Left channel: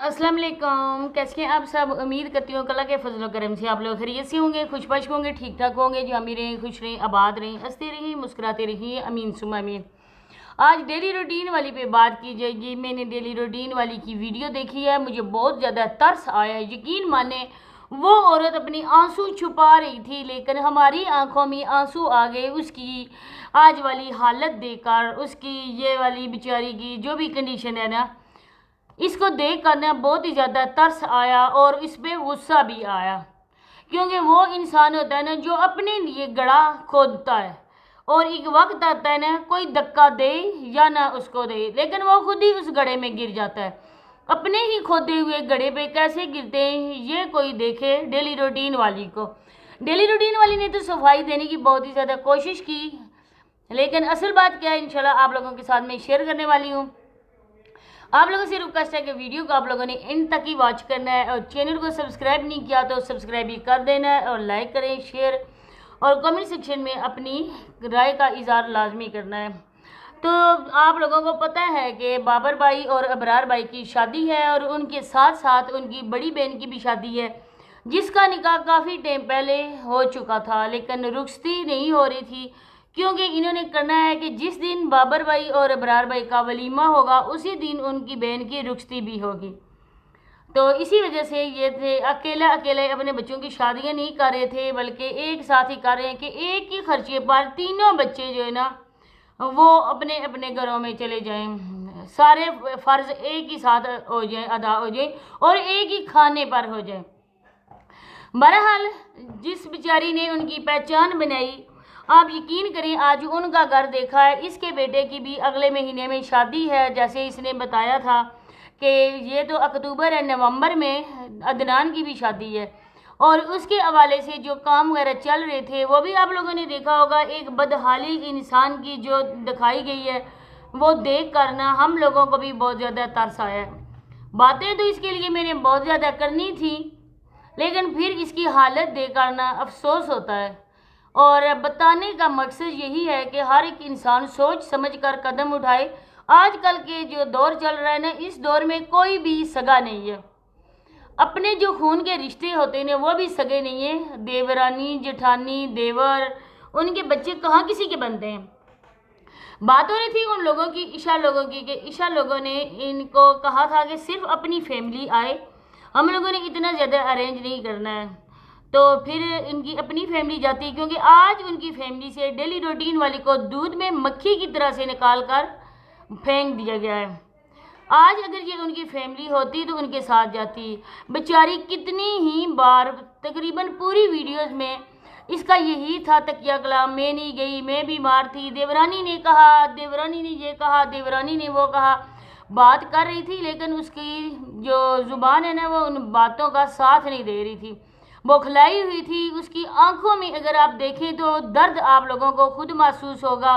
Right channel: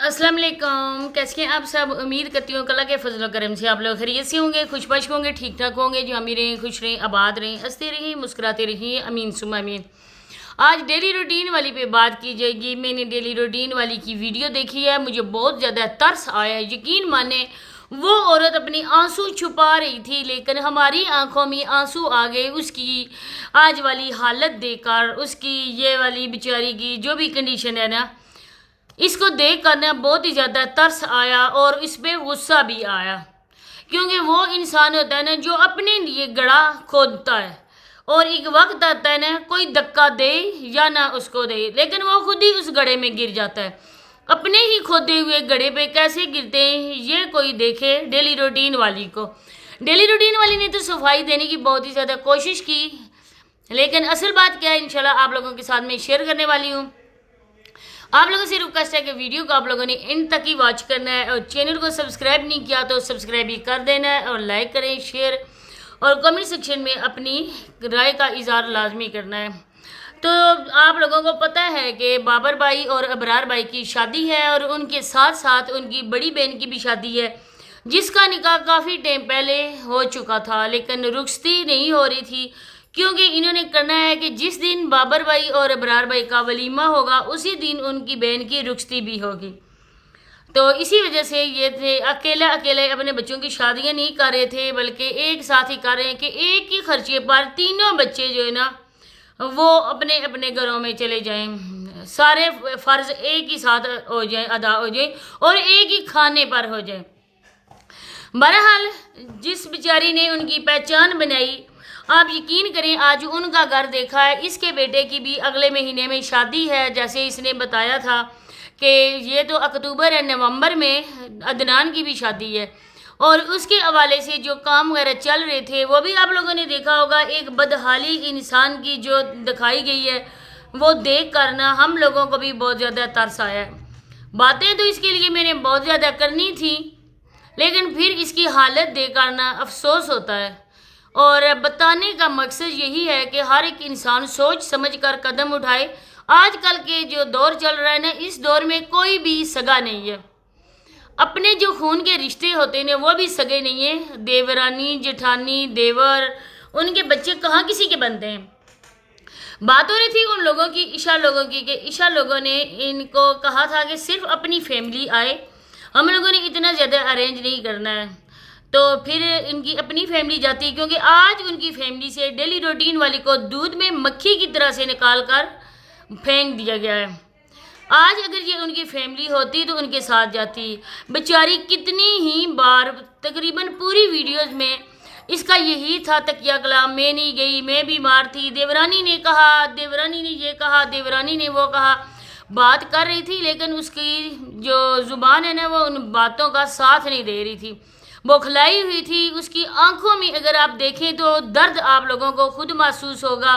अस्सलाम वालेकुम। कैसे हैं आप सब? उम्मीद करती हूँ अल्लाह के फजल व करम से आप लोग खैरियत से होंगे, खुशबश होंगे, ठीक ठाक होंगे। जो अमीर रहें, खुश रहें, आबाद रहें, हंसते रहें, मुस्कुराते रहें, अमीन सुम अमीन। आज डेली रूटीन वाली पे बात की जाएगी। मैंने डेली रूटीन वाली की वीडियो देखी है, मुझे बहुत ज़्यादा तरस आया है। यकीन माने वो औरत अपनी आंसू छुपा रही थी, लेकिन हमारी आंखों में आंसू आ गए उसकी आज वाली हालत देखकर। उसकी ये वाली बेचारी की जो भी कंडीशन है ना, इसको देख कर ना बहुत ही ज़्यादा तरस आया और इस पर गुस्सा भी आया। क्योंकि वो इंसान होता है ना जो अपने लिए गड्ढा खोदता है और एक वक्त आता है ना, कोई धक्का दे या ना उसको दे, लेकिन वो खुद ही उस गड्ढे में गिर जाता है। अपने ही खोदे हुए गड्ढे पे कैसे गिरते हैं ये कोई देखे डेली रूटीन वाली को। डेली रूटीन वाली ने तो सफाई देने की बहुत ही ज़्यादा कोशिश की, लेकिन असल बात क्या है इंशाल्लाह आप लोगों के साथ में शेयर करने वाली हूँ। आप लोगों से रिक्वेस्ट है कि वीडियो को आप लोगों ने इन तक ही वॉच करना है और चैनल को सब्सक्राइब नहीं किया तो सब्सक्राइब भी कर देना है और लाइक करें, शेयर और कमेंट सेक्शन में अपनी राय का इज़हार लाजमी करना है। तो आप लोगों को पता है कि बाबर भाई और अबरार भाई की शादी है और उनके साथ साथ उनकी बड़ी बहन की भी शादी है, जिसका निकाह काफ़ी टाइम पहले हो चुका था, लेकिन रुखसती नहीं हो रही थी। क्योंकि इन्होंने करना है कि जिस दिन बाबर भाई और अबरार भाई का वलीमा होगा उसी दिन उनकी बहन की रुखसती भी होगी। तो इसी वजह से ये थे अकेले अकेले अपने बच्चों की शादियां नहीं कर रहे थे, बल्कि एक साथ ही कर रहे हैं कि एक ही खर्चे पर तीनों बच्चे जो है ना वो अपने अपने घरों में चले जाएं, सारे फ़र्ज एक ही साथ हो जाए, अदा हो जाए और एक ही खाने पर हो जाए। बहरहाल जिस बेचारी ने उनकी पहचान बनाई, आप यकीन करें आज उनका घर देखा है। इसके बेटे की भी अगले महीने में शादी है, जैसे इसने बताया था कि ये तो अक्टूबर है, नवंबर में अदनान की भी शादी है। और उसके हवाले से जो काम वगैरह चल रहे थे वो भी आप लोगों ने देखा होगा। एक बदहाली इंसान की जो दिखाई गई है वो देख कर ना हम लोगों को भी बहुत ज़्यादा तरस आया है। बातें तो इसके लिए मैंने बहुत ज़्यादा करनी थी, लेकिन फिर इसकी हालत देखकर ना अफसोस होता है। और बताने का मकसद यही है कि हर एक इंसान सोच समझ कर कदम उठाए। आजकल के जो दौर चल रहा है ना, इस दौर में कोई भी सगा नहीं है। अपने जो खून के रिश्ते होते हैं वो भी सगे नहीं है। देवरानी, जेठानी, देवर, उनके बच्चे कहाँ किसी के बनते हैं। बात हो रही थी उन लोगों की, ईशा लोगों की, कि ईशा लोगों ने इनको कहा था कि सिर्फ अपनी फैमिली आए, हम लोगों ने इतना ज़्यादा अरेंज नहीं करना है। तो फिर इनकी अपनी फैमिली जाती है, क्योंकि आज उनकी फैमिली से डेली रूटीन वाली को दूध में मक्खी की तरह से निकाल कर फेंक दिया गया है। आज अगर ये उनकी फैमिली होती तो उनके साथ जाती। बेचारी कितनी ही बार, तकरीबन पूरी वीडियोस में इसका यही था तकिया कलाम, मैं नहीं गई, मैं बीमार थी, देवरानी ने कहा, देवरानी ने ये कहा, देवरानी ने वो कहा। बात कर रही थी लेकिन उसकी जो ज़ुबान है ना वो उन बातों का साथ नहीं दे रही थी, बौखलाई हुई थी। उसकी आंखों में अगर आप देखें तो दर्द आप लोगों को खुद महसूस होगा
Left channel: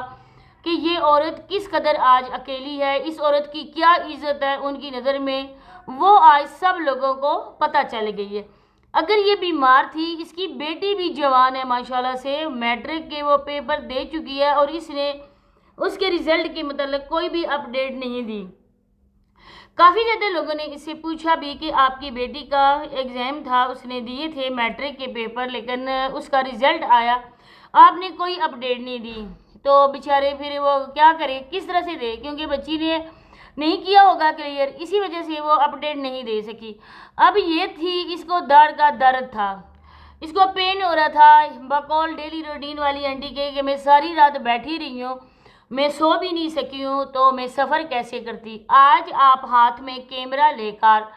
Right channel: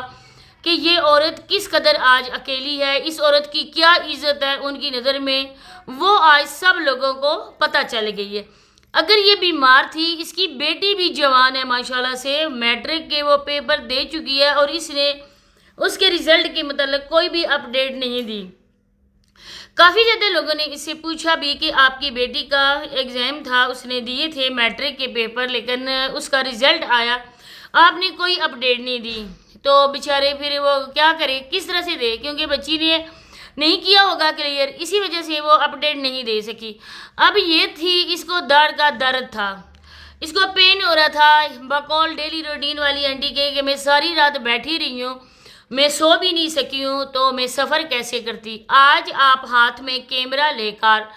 कि ये औरत किस कदर आज अकेली है, इस औरत की क्या इज़्ज़त है उनकी नज़र में, वो आज सब लोगों को पता चल गई है। अगर ये बीमार थी, इसकी बेटी भी जवान है माशाल्लाह से, मैट्रिक के वो पेपर दे चुकी है और इसने उसके रिज़ल्ट के मतलब कोई भी अपडेट नहीं दी। काफ़ी ज़्यादा लोगों ने इससे पूछा भी कि आपकी बेटी का एग्ज़ाम था, उसने दिए थे मैट्रिक के पेपर, लेकिन उसका रिज़ल्ट आया, आपने कोई अपडेट नहीं दी। तो बेचारे फिर वो क्या करे, किस तरह से दे, क्योंकि बच्ची ने नहीं किया होगा क्लियर, इसी वजह से वो अपडेट नहीं दे सकी। अब ये थी, इसको दर्द का दर्द था, इसको पेन हो रहा था। बकौल डेली रूटीन वाली आंटी के कि मैं सारी रात बैठी रही हूँ, मैं सो भी नहीं सकी हूँ, तो मैं सफ़र कैसे करती। आज आप हाथ में कैमरा लेकर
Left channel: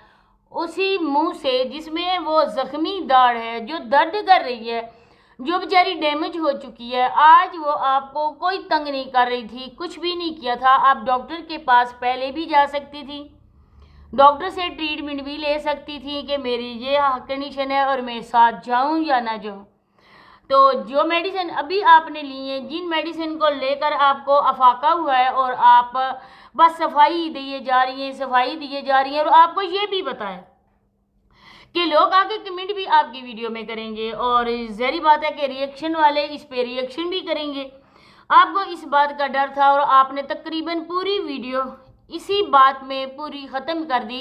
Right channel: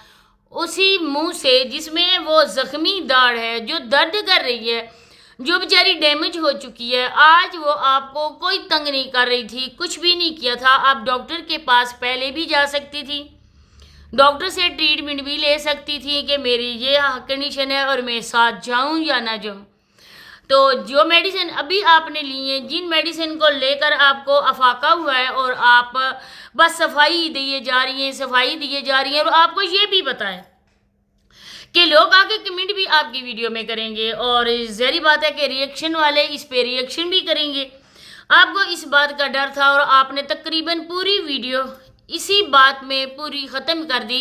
उसी मुंह से जिसमें वो ज़ख्मी दाढ़ है, जो दर्द कर रही है, जो बेचारी डैमेज हो चुकी है, आज वो आपको कोई तंग नहीं कर रही थी, कुछ भी नहीं किया था। आप डॉक्टर के पास पहले भी जा सकती थी, डॉक्टर से ट्रीटमेंट भी ले सकती थी कि मेरी ये कंडीशन है और मैं साथ जाऊं या ना जाऊं। तो जो मेडिसिन अभी आपने ली है, जिन मेडिसिन को लेकर आपको अफाका हुआ है और आप बस सफाई दिए जा रही हैं, सफाई दिए जा रही हैं, और आपको ये भी पता है कि लोग आके कमेंट भी आपकी वीडियो में करेंगे और ज़ाहिर बात है कि रिएक्शन वाले इस पे रिएक्शन भी करेंगे। आपको इस बात का डर था और आपने तकरीबन पूरी वीडियो इसी बात में पूरी ख़त्म कर दी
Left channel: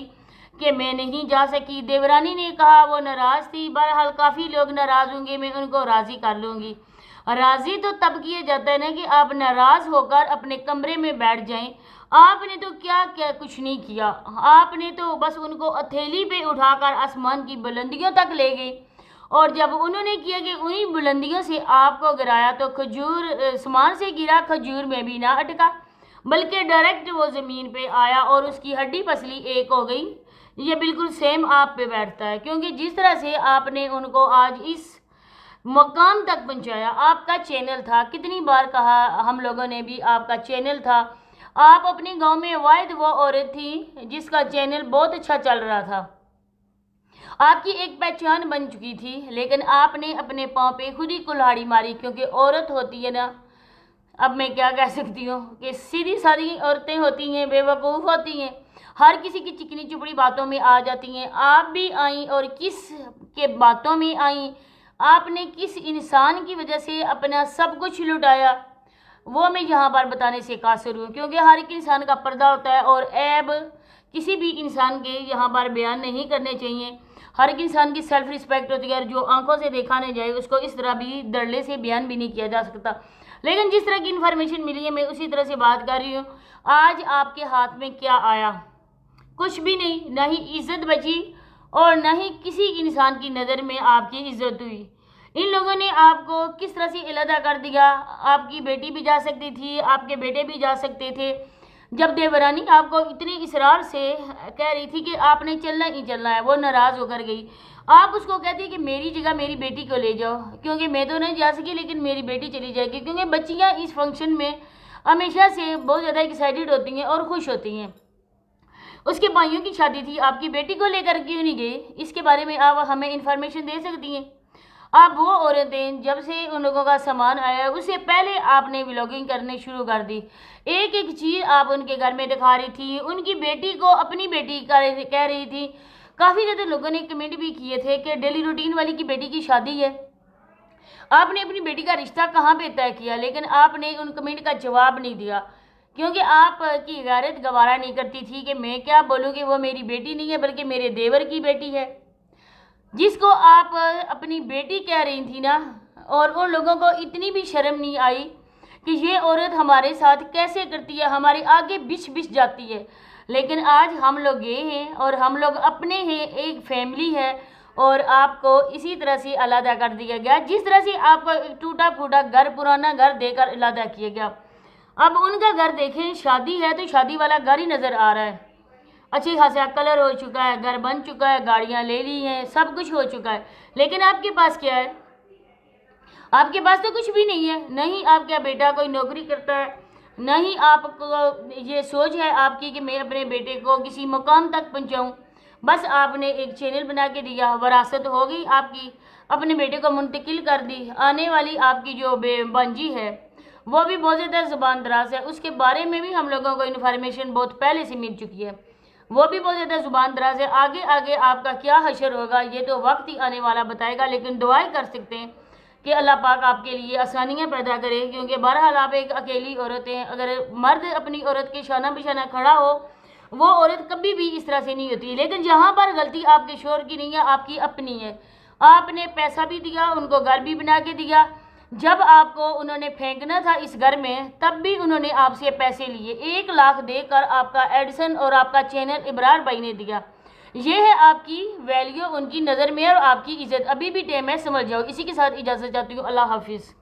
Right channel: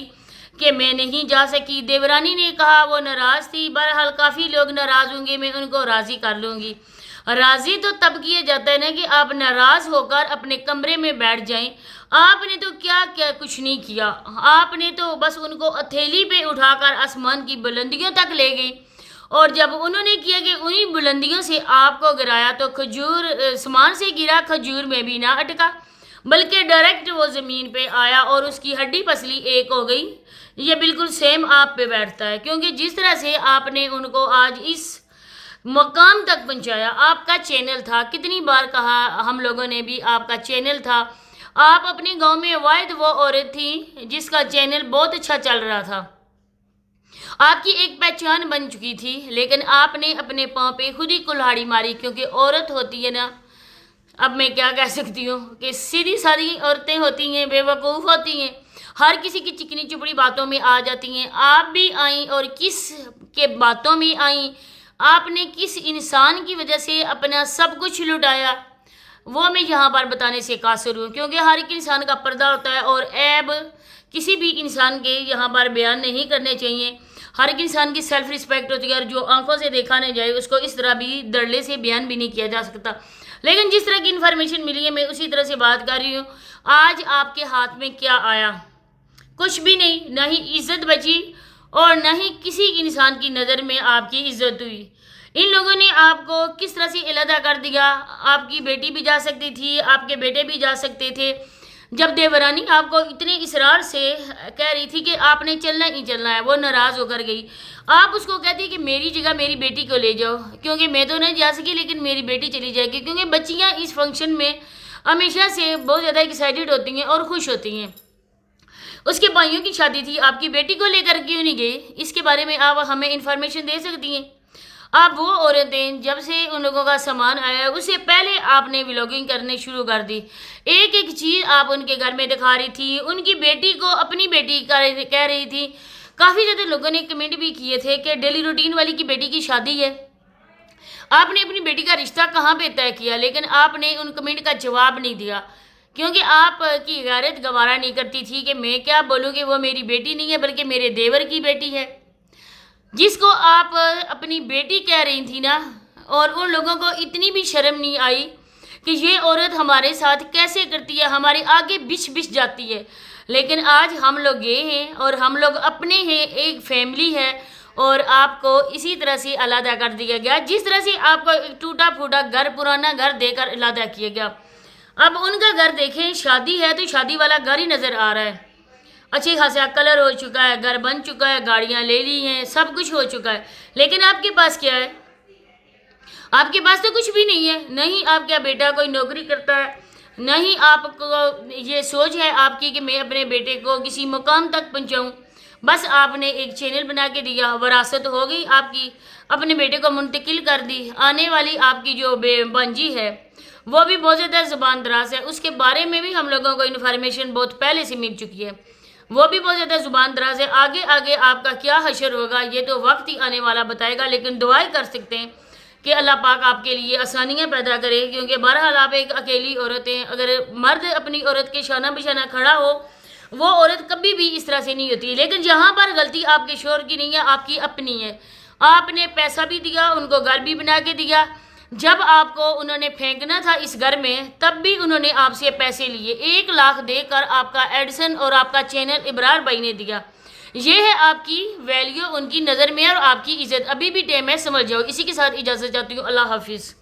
کہ میں نہیں جا سکی۔ دیورانی نے کہا وہ ناراض تھی، بہرحال کافی لوگ ناراض ہوں گے، میں ان کو راضی کر لوں گی۔ راضی تو تب کیا جاتا ہے نا کہ آپ ناراض ہو کر اپنے کمرے میں بیٹھ جائیں۔ آپ نے تو کیا کچھ نہیں کیا، آپ نے تو بس ان کو ہتھیلی پہ اٹھا کر آسمان کی بلندیوں تک لے گئے، اور جب انہوں نے کیا کہ انہی بلندیوں سے آپ کو گرایا تو کھجور آسمان سے گرا، کھجور میں بھی نہ اٹکا بلکہ ڈائریکٹ وہ زمین پہ آیا اور اس کی ہڈی پسلی ایک ہو گئی۔ یہ بالکل سیم آپ پہ بیٹھتا ہے، کیونکہ جس طرح سے آپ نے ان کو آج اس مقام تک پہنچایا، آپ کا چینل تھا، کتنی بار کہا ہم لوگوں نے بھی، آپ کا چینل تھا۔ آپ اپنے گاؤں میں واحد وہ عورت تھی جس کا چینل بہت اچھا چل رہا تھا، آپ کی ایک پہچان بن چکی تھی، لیکن آپ نے اپنے پاؤں پہ خود ہی کلہاڑی ماری، کیونکہ عورت ہوتی ہے نا، اب میں کیا کہہ سکتی ہوں کہ سیدھی سادھی عورتیں ہوتی ہیں، بے وقوف ہوتی ہیں، ہر کسی کی چکنی چپڑی باتوں میں آ جاتی ہیں۔ آپ بھی آئیں اور کس کے باتوں میں آئیں، آپ نے کس انسان کی وجہ سے اپنا سب کچھ لٹایا، وہ میں یہاں پر بتانے سے قاصر ہوں، کیونکہ ہر ایک انسان کا پردہ ہوتا ہے اور عیب کسی بھی انسان کے یہاں پر بیان نہیں کرنے چاہیے۔ ہر ایک انسان کی سیلف رسپیکٹ ہوتی ہے، اور جو آنکھوں سے دیکھا نہ جائے اس کو اس طرح بھی دڑلے سے بیان بھی نہیں کیا جا سکتا۔ لیکن جس طرح کی انفارمیشن ملی ہے میں اسی طرح سے بات کر رہی ہوں۔ آج آپ کے ہاتھ میں کیا آیا؟ کچھ بھی نہیں، نہ ہی عزت بچی اور نہ ہی کسی انسان کی نظر میں آپ کی عزت ہوئی۔ ان لوگوں نے آپ کو کس طرح سے علیحدہ کر دیا، آپ کی بیٹی بھی جا سکتی تھی، آپ کے بیٹے بھی جا سکتے تھے۔ جب دیورانی آپ کو اتنے اصرار سے کہہ رہی تھی کہ آپ نے چلنا ہی چلنا ہے، وہ ناراض ہو کر گئی، آپ اس کو کہتی کہ میری جگہ میری بیٹی کو لے جاؤ، کیونکہ میں تو نہیں جا سکی لیکن میری بیٹی چلی جائے گی، کیونکہ بچیاں اس فنکشن میں ہمیشہ سے بہت زیادہ ایکسائٹڈ ہوتی ہیں اور خوش ہوتی ہیں۔ اس کے بھائیوں کی شادی تھی، آپ کی بیٹی کو لے کر کیوں نہیں گئے؟ اس کے بارے میں آپ ہمیں انفارمیشن دے سکتی ہیں؟ آپ وہ عورتیں جب سے ان لوگوں کا سامان آیا ہے اس سے پہلے آپ نے ولاگنگ کرنے شروع کر دی، ایک ایک چیز آپ ان کے گھر میں دکھا رہی تھی، ان کی بیٹی کو اپنی بیٹی کہہ رہی تھی۔ کافی زیادہ لوگوں نے کمنٹ بھی کیے تھے کہ ڈیلی روٹین والی کی بیٹی کی شادی ہے، آپ نے اپنی بیٹی کا رشتہ کہاں پہ طے کیا؟ لیکن آپ نے ان کمنٹ کا جواب نہیں دیا، کیونکہ آپ کی غیرت گوارا نہیں کرتی تھی کہ میں کیا بولوں کہ وہ میری بیٹی نہیں ہے بلکہ میرے دیور کی بیٹی ہے، جس کو آپ اپنی بیٹی کہہ رہی تھی نا، اور ان لوگوں کو اتنی بھی شرم نہیں آئی کہ یہ عورت ہمارے ساتھ کیسے کرتی ہے، ہمارے آگے بچ بچ جاتی ہے۔ لیکن آج ہم لوگ یہ ہیں اور ہم لوگ اپنے ہیں، ایک فیملی ہے، اور آپ کو اسی طرح سے علیحدہ کر دیا گیا، جس طرح سے آپ کو ایک ٹوٹا پھوٹا گھر، پرانا گھر دے کر علیحدہ کیا گیا۔ اب ان کا گھر دیکھیں، شادی ہے تو شادی والا گھر ہی نظر آ رہا ہے، اچھی خاصا کلر ہو چکا ہے، گھر بن چکا ہے، گاڑیاں لے لی ہیں، سب کچھ ہو چکا ہے، لیکن آپ کے پاس کیا ہے؟ آپ کے پاس تو کچھ بھی نہیں ہے، نہیں آپ کا بیٹا کوئی نوکری کرتا ہے، نہیں آپ کو یہ سوچ ہے آپ کی کہ میں اپنے بیٹے کو کسی مقام تک پہنچاؤں، بس آپ نے ایک چینل بنا کے دیا، وراثت ہو گئی آپ کی، اپنے بیٹے کو منتقل کر دی۔ آنے والی آپ کی جو بانجی ہے وہ بھی بہت زیادہ زبان دراز ہے، اس کے بارے میں بھی ہم لوگوں کو انفارمیشن بہت پہلے سے مل چکی ہے، وہ بھی بہت زیادہ زبان دراز ہے۔ آگے آگے آپ کا کیا حشر ہوگا یہ تو وقت ہی آنے والا بتائے گا، لیکن دعائیں کر سکتے ہیں کہ اللہ پاک آپ کے لیے آسانیاں پیدا کرے، کیونکہ بہرحال آپ ایک اکیلی عورت ہیں، اگر مرد اپنی عورت کے شانہ بشانہ کھڑا ہو وہ عورت کبھی بھی اس طرح سے نہیں ہوتی، لیکن جہاں پر غلطی آپ کے شوہر کی نہیں ہے، آپ کی اپنی ہے۔ آپ نے پیسہ بھی دیا، ان کو گھر بھی بنا کے دیا، جب آپ کو انہوں نے پھینکنا تھا اس گھر میں تب بھی انہوں نے آپ سے پیسے لیے، 1 لاکھ دے کر آپ کا ایڈسن اور آپ کا چینل ابرار بھائی نے دیا۔ یہ ہے آپ کی ویلیو ان کی نظر میں اور آپ کی عزت، ابھی بھی ٹائم ہے، سمجھ جاؤ۔ اسی کے ساتھ اجازت چاہتی ہوں، اللہ حافظ۔